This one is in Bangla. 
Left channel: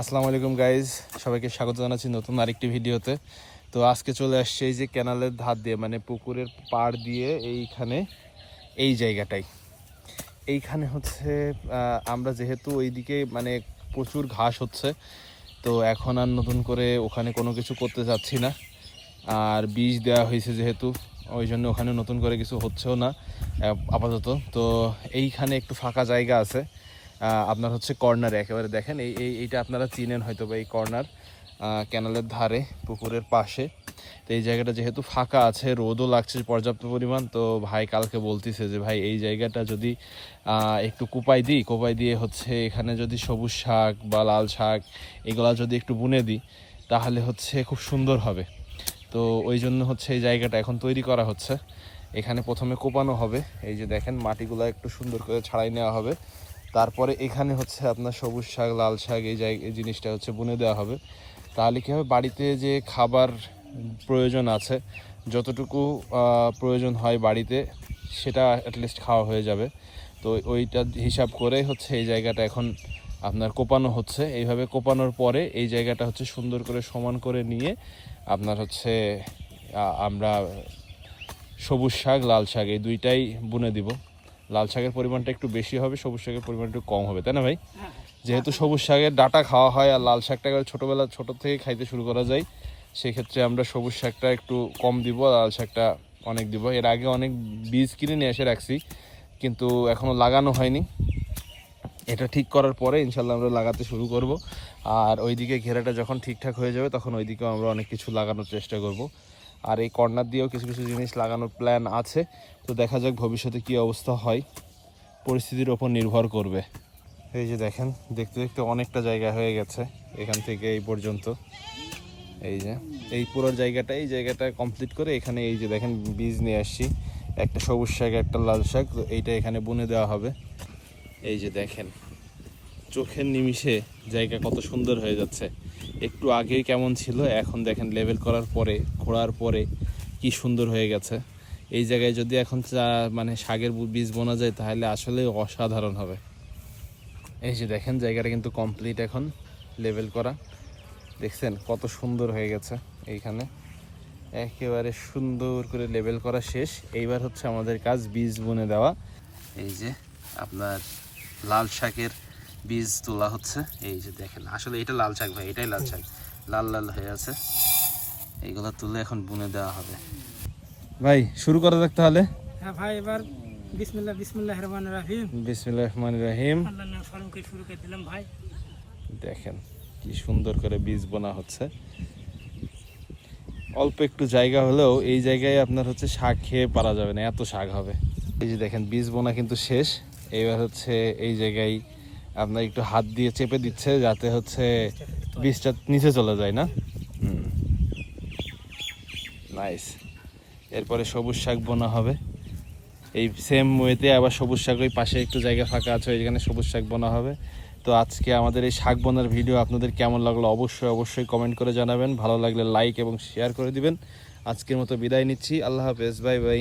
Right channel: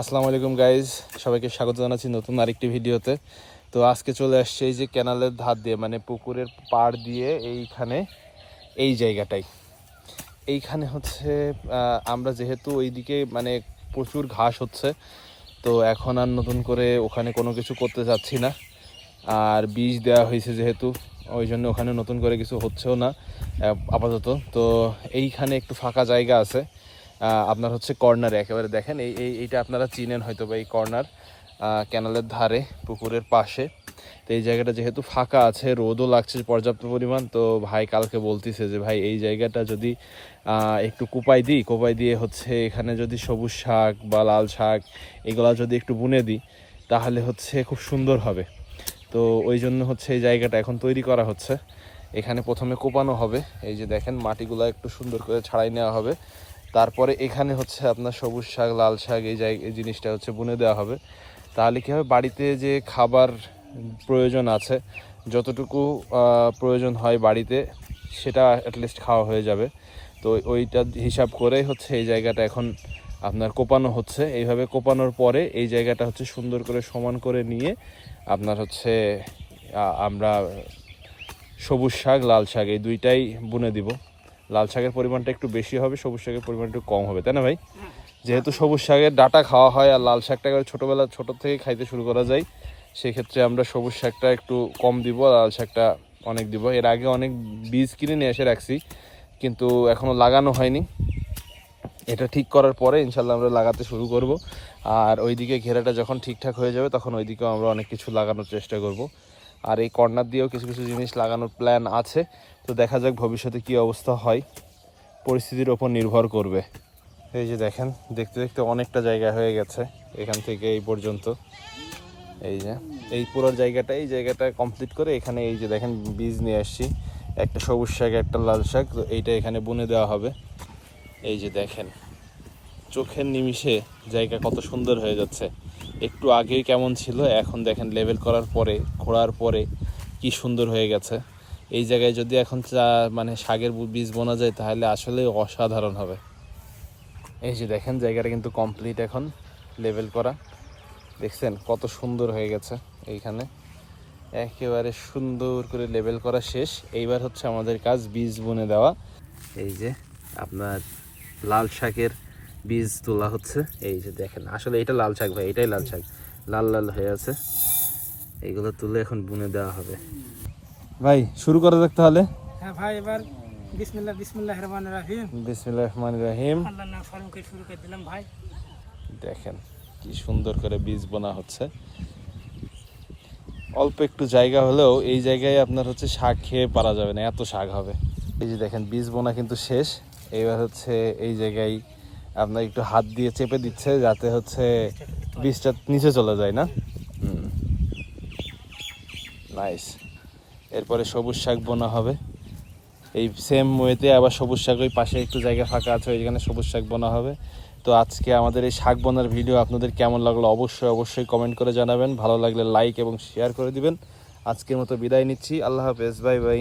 আসসালামু আলাইকুম গাইজ সবাইকে স্বাগত জানাচ্ছি নতুন আরেকটি ভিডিওতে। তো আজকে চলে আসছে এই যে ক্যানালের ধার দিয়ে মানে পুকুরের পাড় দিয়ে এইখানে, এই জায়গাটাই এইখানে হচ্ছে আমরা যেহেতু ওইদিকে মানে প্রচুর ঘাস হচ্ছে, তো এখন আর নতুন করে ওখানে কোনো কিছু করতে যাচ্ছি না। আর বীজ দেওয়া হয়েছে যেহেতু, ওই জন্য ওখানে নতুন করে কিছু হচ্ছেও না আপাতত। তো এইখানে একটু ফাঁকা জায়গা আছে। আপনার হচ্ছে কর্নারে একেবারে দেখেন, এই এই এইটা আপনারা চিনেন হয়তো বা এই কর্নার ক্যানালের ধারে, পুকুরের পাশে। তো এই জায়গাটা যেহেতু ফাঁকা আছে, রোদও লাগছে, পর্যাপ্ত পরিমাণ, তো ভাই কালকে বলতেছে যে, ভাই, এই জায়গাটা যদি একটু কুপাই দিই, কোপাই দিয়ে হচ্ছে এখানে যদি সবুজ শাক বা লাল শাক, এগুলা যদি একটু বুনে দিই, তাহলে হচ্ছে খুব সুন্দর হবে। তো ওই জন্য হচ্ছে এই জায়গাটা এখন তৈরি করা হচ্ছে। এখানে প্রথমে কোপানো হবে। এই যে দেখেন, মাটিগুলো একটু সুন্দর করে ছাড়াই নেওয়া হবে। তারপরে এখানে হচ্ছে আপনার সবুজ শাক, লাল শাক, এই জায়গা এই জিনিসটা হচ্ছে বুনে দেওয়া হবে। তাহলে কী হবে বাড়িতে যে খাবার প্রয়োজন আছে, যতটুকু প্রয়োজন হয় বাড়িতে, সেটা অ্যাটলিস্ট খাওয়া হয়ে যাবে। তো ওইটা হিসাব করে হচ্ছে এই জায়গাটা এখন আপনার কোপানো হচ্ছে। এইভাবে কোপানোর পরে এই জায়গাটা হচ্ছে সুন্দর করে সমান করে নিয়ে আপনার হচ্ছে আমরা সবুজ শাক, লাল শাক, এই দুইটাই বুনে দিব। লাল শাকের পরিমাণটা একটু বেশি হবে সবুজ শাকের পরিমাণ একটু কম হবে তাই না ভাই? যেহেতু সবুজ শাকের ডাটা খাওয়া হয় আর লাল শাকটা ছোটোবেলা ছোটো থেকে খাইতে শুরু করা যায় সেক্ষেত্রে আমরা সবুজ শাকটা একটু কম দিব আর লাল শাকটা অনেক দিব। এর আগে অনেক বীজ কিনে নিয়ে এসে রাখছি কিন্তু এখনও লাগানো হয়নি। এটা ঠিক করার পরে ইনশাল্লাহ আমরা লাগাতে শুরু করব। আর ওইদিকে ঘেরাটা যখন ঠিকঠাক হয়ে যাবে তখন ওইদিকেও আমরা অনেক কিছু লাগানোর চেষ্টা করব। আর এই কর্নার দিয়েও কিছু কিছু জিনিস লাগানোর প্ল্যান আছে। তো দেখা যাক ভবিষ্যতে কি অবস্থা হয়। পরিস্থিতির ওপর নির্ভর করবে। এই যে দেখেন, দেখতে দেখতে অনেকটা জায়গা হয়ে গেছে এখান থেকে এই পর্যন্ত। এই যে, এই পুরো জায়গাটা, এই জায়গাটা কমপ্লিট করে এখানে এই যে দেখেন বীজ নিয়ে আসছি। একটা সবুজ শাক, একটা লাল শাক, তো এইটা এখানে বুনে দেওয়া হবে। এই যে দেখেন, চোখের নিমিষে জায়গা কত সুন্দর হয়ে যাচ্ছে। একটু আগেই কেমন ছিল, এখন দেখেন লেভেল করার পরে, খোঁড়ার পরে কি সুন্দর হয়ে গেছে। এই জায়গায় যদি এখন চা- মানে শাকের বীজ বোনা যায়, তাহলে আসলে অসাধারণ হবে। এই যে দেখেন, জায়গাটা কিন্তু কমপ্লিট এখন লেভেল করা। দেখছেন, কত সুন্দর হয়ে গেছে এইখানে। একেবারে সুন্দর করে লেভেল করা শেষ। এইবার হচ্ছে আমাদের কাজ বীজ বুনে দেওয়া। এই যে আপনার লাল শাকের বীজ তোলা হচ্ছে। এই যে দেখেন আসলে এটা লাল শাক ভাই এটাই লাল শাক। লাল লাল হয়ে আছে। এইগুলো তুলে এখন বুনে দেওয়া হবে। ভাই শুরু করা যাক তাহলে। হ্যাঁ ভাই এবার বিসমিল্লাহ বিসমিল্লাহ রহমান রাহিম। বিসমিল্লাহ রহমান রহিম। আল্লাহ নাম স্মরণ করে শুরু করে দিলাম ভাই। দেখেন কি সুন্দর করে বীজ বোনা হচ্ছে। অল্প একটু জায়গা হলেও এই জায়গায় আপনার হচ্ছে শাক খেয়ে পারা যাবে না এত শাক হবে। এই যে দেখেন বীজ বোনা কিন্তু শেষ। এবার হচ্ছে এই জায়গায় আপনার একটু হাত দিয়ে চেপে দিচ্ছে যাতে হচ্ছে বীজটা নিচে চলে যায় না? নাইস এরপরে সবুজ শাক বোনা হবে। এই সেম ওয়েতে আবার সবুজ শাক ওই পাশে একটু জায়গা ফাঁকা আছে, ওইখানে সবুজ শাক বোনা হবে। তো আজকে আমাদের এই শাক বোনার ভিডিও আপনাদের কেমন লাগল অবশ্যই অবশ্যই কমেন্ট করে জানাবেন। ভালো লাগলে লাইক এবং শেয়ার করে দিবেন। আজকের মতো বিদায় নিচ্ছি। আল্লাহ হাফেজ। Bye bye